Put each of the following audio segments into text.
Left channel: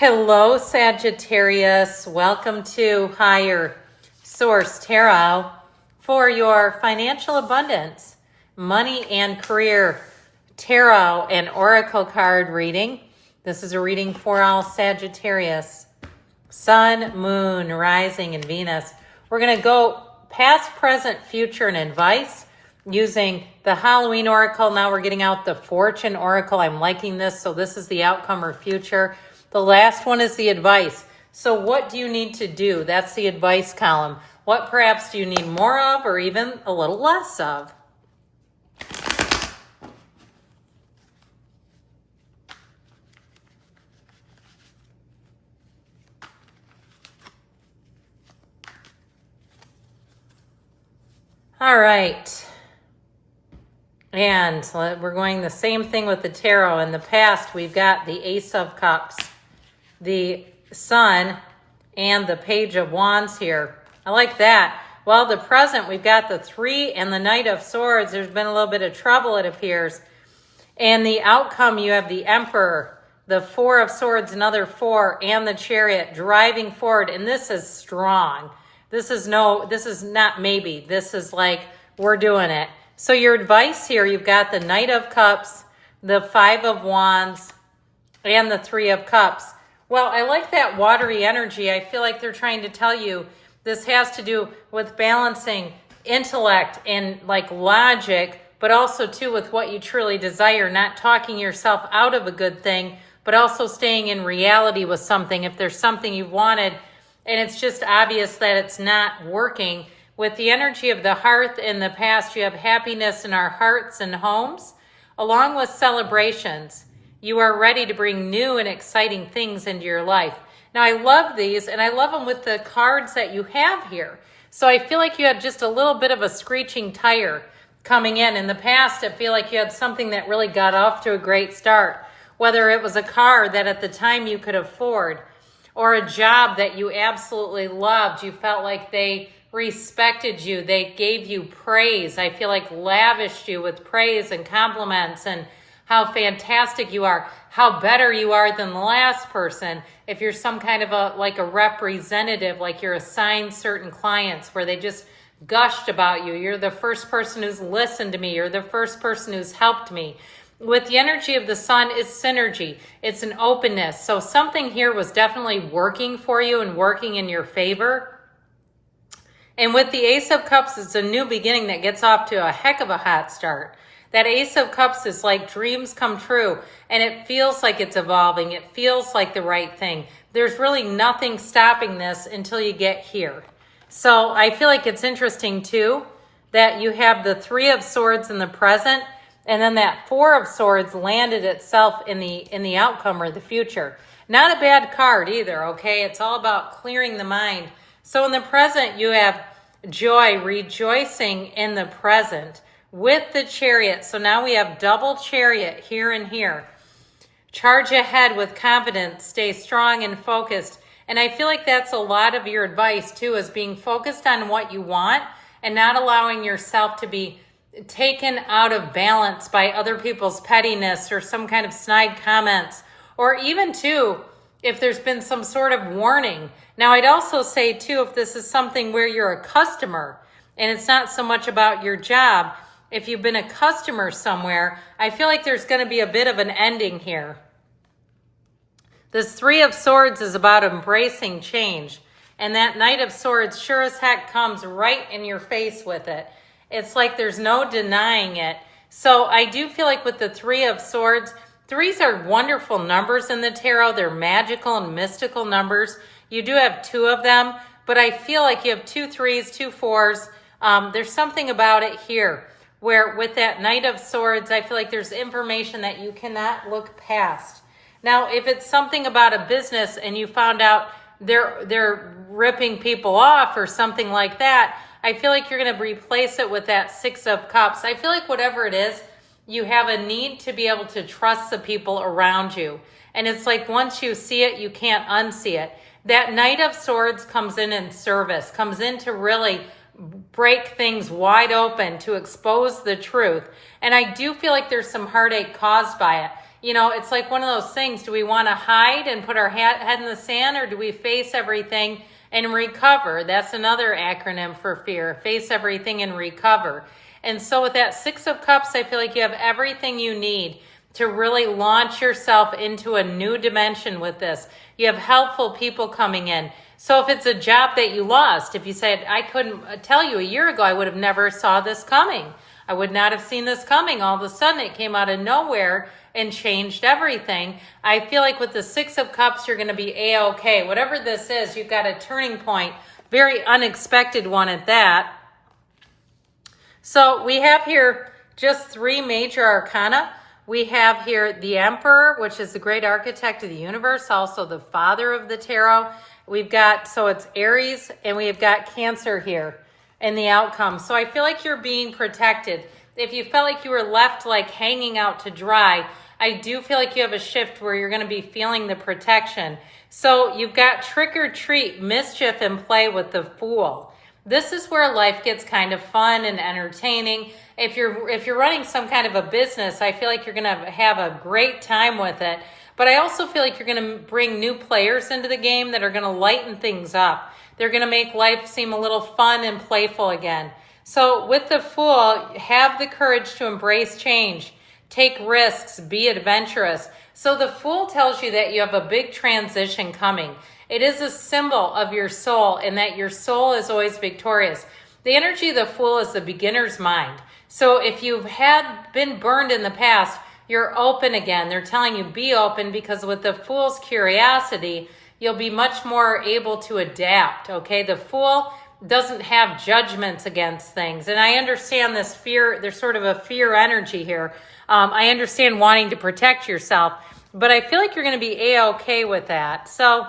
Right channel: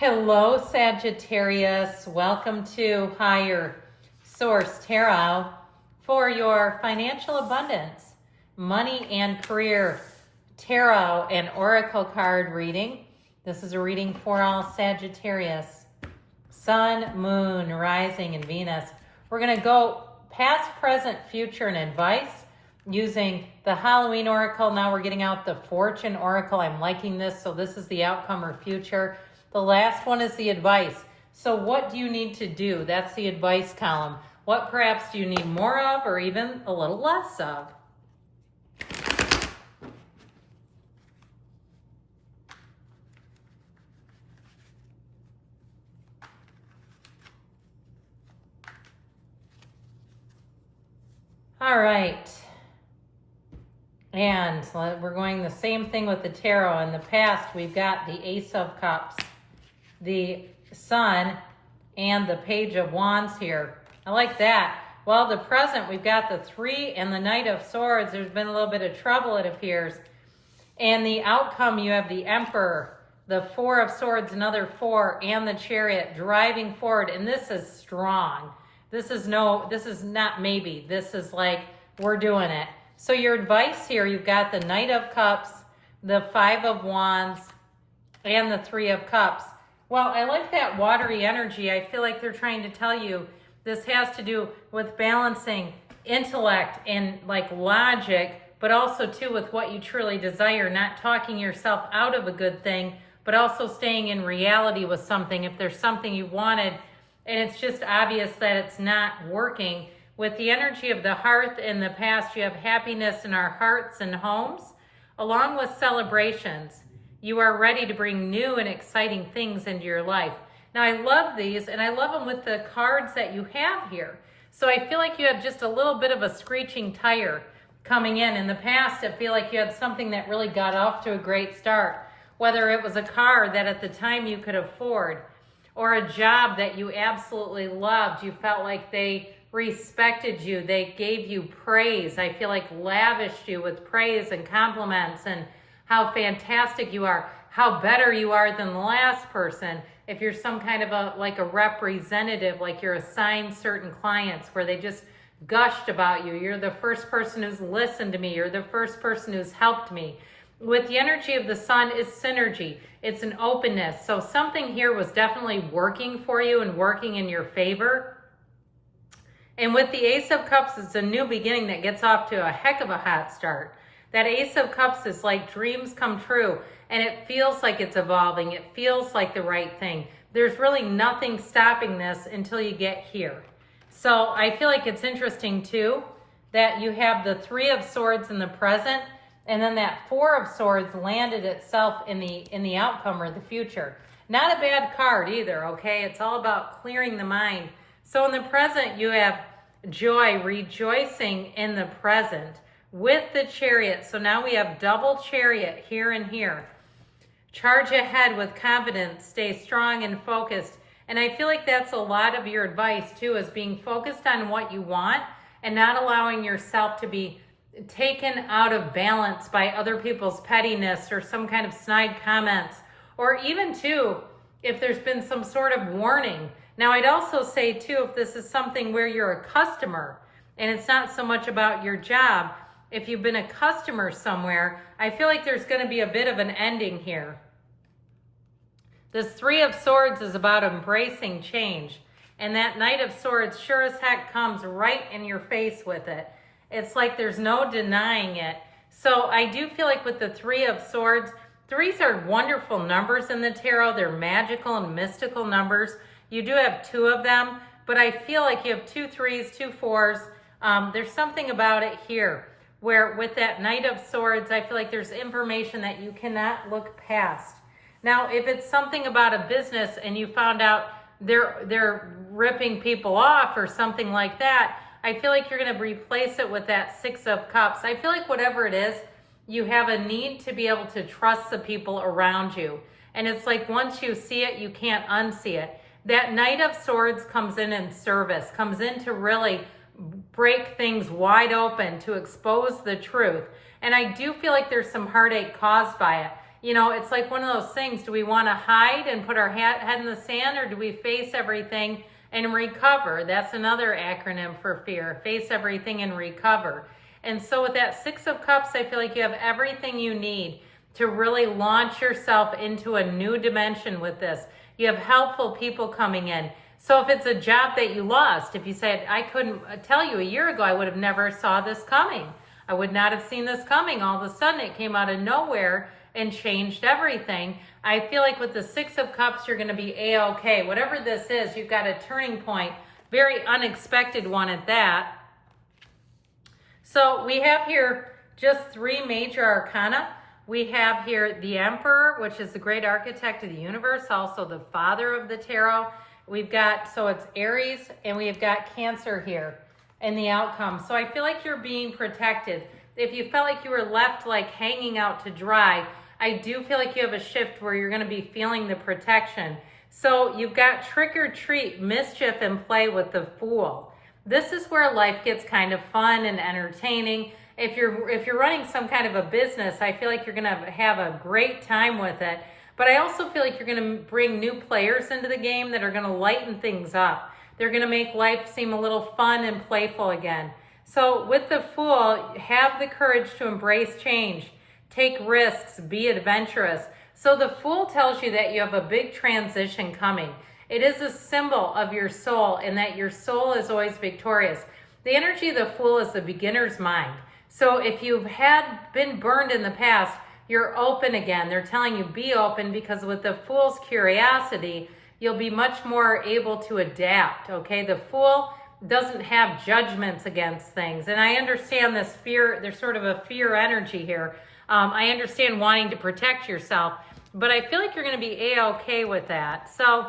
Hello, Sagittarius. Welcome to Higher Source Tarot for your financial abundance, money and career tarot and oracle card reading. This is a reading for all Sagittarius, Sun, Moon, Rising, and Venus. We're going to go past, present, future, and advice using the Halloween oracle. Now we're getting out the Fortune oracle. I'm liking this. So this is the outcome or future. The last one is the advice. So what do you need to do? That's the advice column. What perhaps do you need more of or even a little less of? All right. And we're going the same thing with the tarot. In the past, we've got the Ace of Cups, the Sun, and the Page of Wands here. I like that. Well, the present, we've got the Three and the Knight of Swords. There's been a little bit of trouble, it appears. And the outcome, you have the Emperor, the Four of Swords, another Four, and the Chariot driving forward. And this is strong. This is not maybe. This is like, we're doing it. So your advice here, you've got the Knight of Cups, the Five of Wands, and the Three of Cups. Well, I like that watery energy. I feel like they're trying to tell you this has to do with balancing intellect and like logic, but also too with what you truly desire, not talking yourself out of a good thing, but also staying in reality with something. If there's something you wanted and it's just obvious that it's not working, with the energy of the hearth in the past, you have happiness in our hearts and homes, along with celebrations. You are ready to bring new and exciting things into your life. Now, I love these, and I love them with the cards that you have here. So I feel like you had just a little bit of a screeching tire coming in. In the past, I feel like you had something that really got off to a great start, whether it was a car that at the time you could afford, or a job that you absolutely loved. You felt like they respected you. They gave you praise. I feel like lavished you with praise and compliments and how fantastic you are, how better you are than the last person. If you're some kind of a representative, like you're assigned certain clients where they just gushed about you. You're the first person who's listened to me. You're the first person who's helped me. With the energy of the Sun is synergy. It's an openness. So something here was definitely working for you and working in your favor. And with the Ace of Cups, it's a new beginning that gets off to a heck of a hot start. That Ace of Cups is like dreams come true, and it feels like it's evolving. It feels like the right thing. There's really nothing stopping this until you get here. So I feel like it's interesting too that you have the Three of Swords in the present, and then that Four of Swords landed itself in the outcome or the future. Not a bad card either, okay? It's all about clearing the mind. So in the present, you have joy, rejoicing in the present with the Chariot. So now we have double Chariot here and here. Charge ahead with confidence, stay strong and focused. And I feel like that's a lot of your advice too, is being focused on what you want and not allowing yourself to be taken out of balance by other people's pettiness or some kind of snide comments, or even too, if there's been some sort of warning. Now, I'd also say too, if this is something where you're a customer and it's not so much about your job, if you've been a customer somewhere, I feel like there's going to be a bit of an ending here. This Three of Swords is about embracing change. And that Knight of Swords sure as heck comes right in your face with it. It's like there's no denying it. So I do feel like with the Three of Swords, threes are wonderful numbers in the tarot. They're magical and mystical numbers. You do have two of them, but I feel like you have 2 3s, 2 4s. There's something about it here where with that Knight of Swords, I feel like there's information that you cannot look past. Now, if it's something about a business and you found out they're ripping people off or something like that, I feel like you're going to replace it with that Six of Cups. I feel like whatever it is, you have a need to be able to trust the people around you. And it's like once you see it, you can't unsee it. That Knight of Swords comes in service, comes in to really break things wide open, to expose the truth. And I do feel like there's some heartache caused by it. You know, it's like one of those things. Do we want to hide and put our head in the sand, or do we face everything and recover? That's another acronym for fear. Face everything and recover. And so with that Six of Cups, I feel like you have everything you need to really launch yourself into a new dimension with this. You have helpful people coming in. So if it's a job that you lost, if you said, I couldn't tell you a year ago, I would have never saw this coming. I would not have seen this coming. All of a sudden it came out of nowhere and changed everything. I feel like with the Six of Cups, you're going to be A-okay. Whatever this is, you've got a turning point, very unexpected one at that. So we have here just 3 major arcana. We have here the Emperor, which is the great architect of the universe, also the father of the tarot. We've got, so it's Aries, and we've got Cancer here in the outcome. So I feel like you're being protected. If you felt like you were left like hanging out to dry, I do feel like you have a shift where you're going to be feeling the protection. So you've got trick or treat, mischief, and play with the Fool. This is where life gets kind of fun and entertaining. If you're running some kind of a business, I feel like you're going to have a great time with it. But I also feel like you're going to bring new players into the game that are going to lighten things up. They're going to make life seem a little fun and playful again. So with the Fool, have the courage to embrace change, take risks, be adventurous. So the Fool tells you that you have a big transition coming. It is a symbol of your soul, and that your soul is always victorious. The energy of the Fool is the beginner's mind. So if you've been burned in the past, you're open again. They're telling you be open, because with the Fool's curiosity, you'll be much more able to adapt, okay? The Fool doesn't have judgments against things. And I understand this fear, there's sort of a fear energy here. I understand wanting to protect yourself, but I feel like you're going to be A-okay with that. So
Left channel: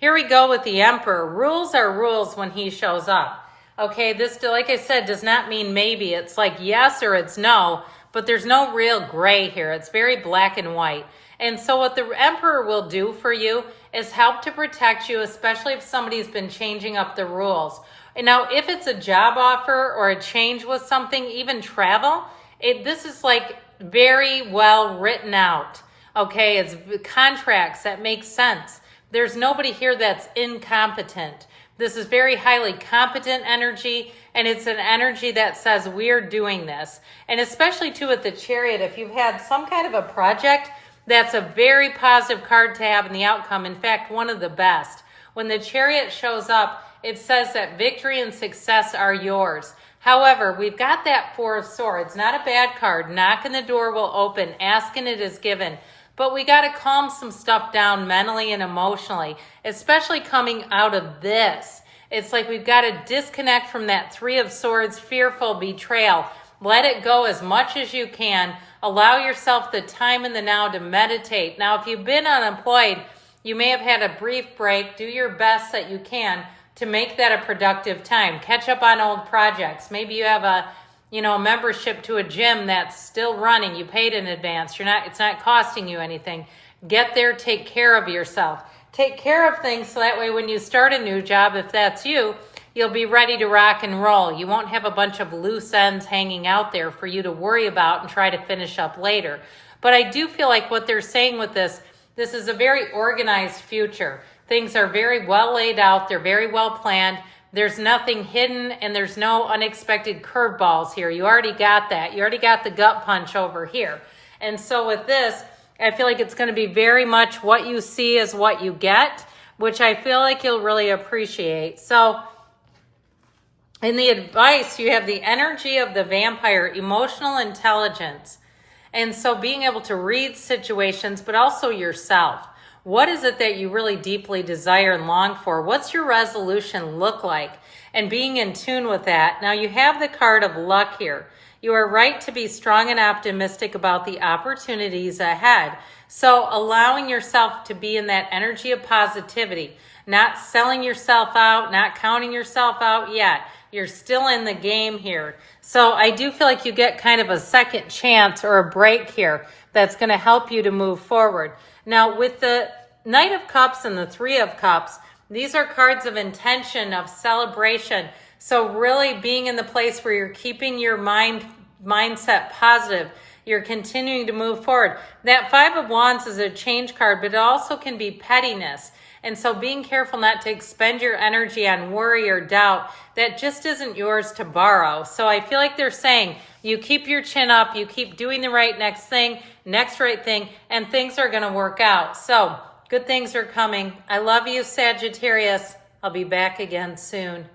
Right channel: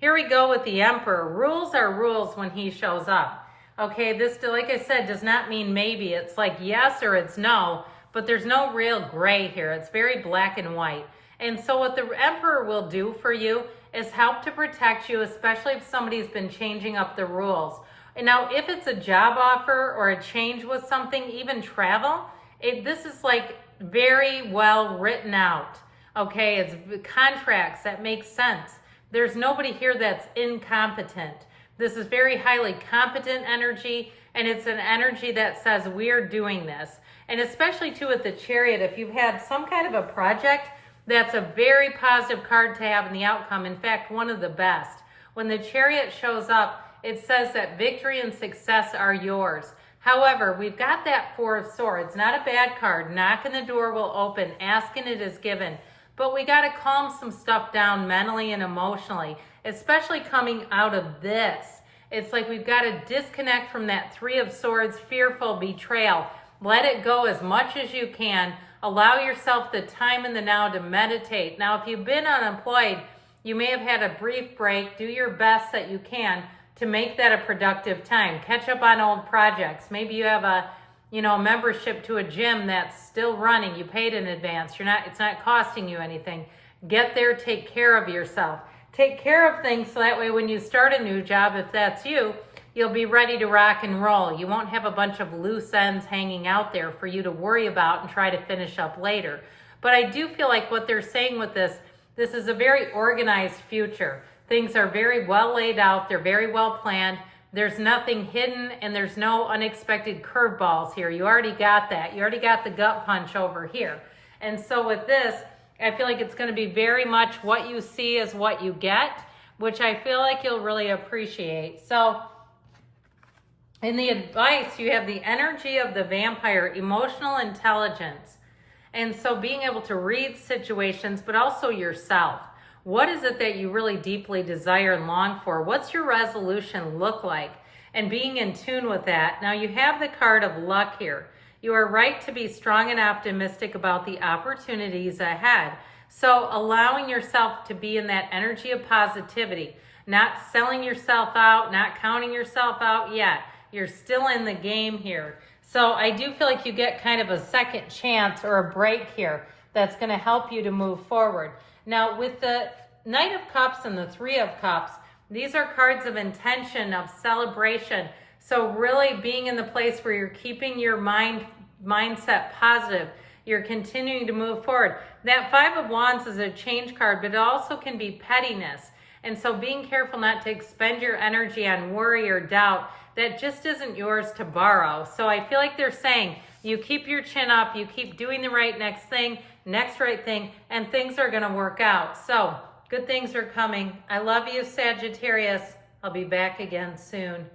here we go with the Emperor. Rules are rules when he shows up. Okay, this, like I said, does not mean maybe. It's like yes or it's no, but there's no real gray here. It's very black and white. And so what the Emperor will do for you is help to protect you, especially if somebody's been changing up the rules. And now, if it's a job offer or a change with something, even travel, this is like very well written out. Okay, it's contracts that make sense. There's nobody here that's incompetent. This is very highly competent energy, and it's an energy that says we're doing this. And especially too with the Chariot, if you've had some kind of a project, that's a very positive card to have in the outcome. In fact, one of the best. When the Chariot shows up, it says that victory and success are yours. However, we've got that Four of Swords. Not a bad card. Knocking the door will open. Asking it is given. But we got to calm some stuff down mentally and emotionally, especially coming out of this. It's like we've got to disconnect from that Three of Swords, fearful betrayal. Let it go as much as you can. Allow yourself the time in the now to meditate. Now, if you've been unemployed, you may have had a brief break. Do your best that you can to make that a productive time. Catch up on old projects. Maybe you have a membership to a gym that's still running. You paid in advance. It's not costing you anything. Get there, take care of yourself. Take care of things so that way when you start a new job, if that's you, you'll be ready to rock and roll. You won't have a bunch of loose ends hanging out there for you to worry about and try to finish up later. But I do feel like what they're saying with this is a very organized future. Things are very well laid out. They're very well planned. There's nothing hidden, and there's no unexpected curveballs here. You already got that. You already got the gut punch over here. And so with this, I feel like it's going to be very much what you see is what you get, which I feel like you'll really appreciate. So in the advice, you have the energy of the vampire, emotional intelligence. And so being able to read situations, but also yourself. What is it that you really deeply desire and long for? What's your resolution look like? And being in tune with that. Now you have the card of luck here. You are right to be strong and optimistic about the opportunities ahead. So allowing yourself to be in that energy of positivity, not selling yourself out, not counting yourself out yet. You're still in the game here. So I do feel like you get kind of a second chance or a break here that's going to help you to move forward. Now, with the Knight of Cups and the Three of Cups, these are cards of intention, of celebration. So really being in the place where you're keeping your mindset positive, You're continuing to move forward. That Five of Wands is a change card, but it also can be pettiness. And so being careful not to expend your energy on worry or doubt that just isn't yours to borrow. So I feel like they're saying you keep your chin up, you keep doing the next right thing, and things are going to work out. So good things are coming. I love you, Sagittarius. I'll be back again soon.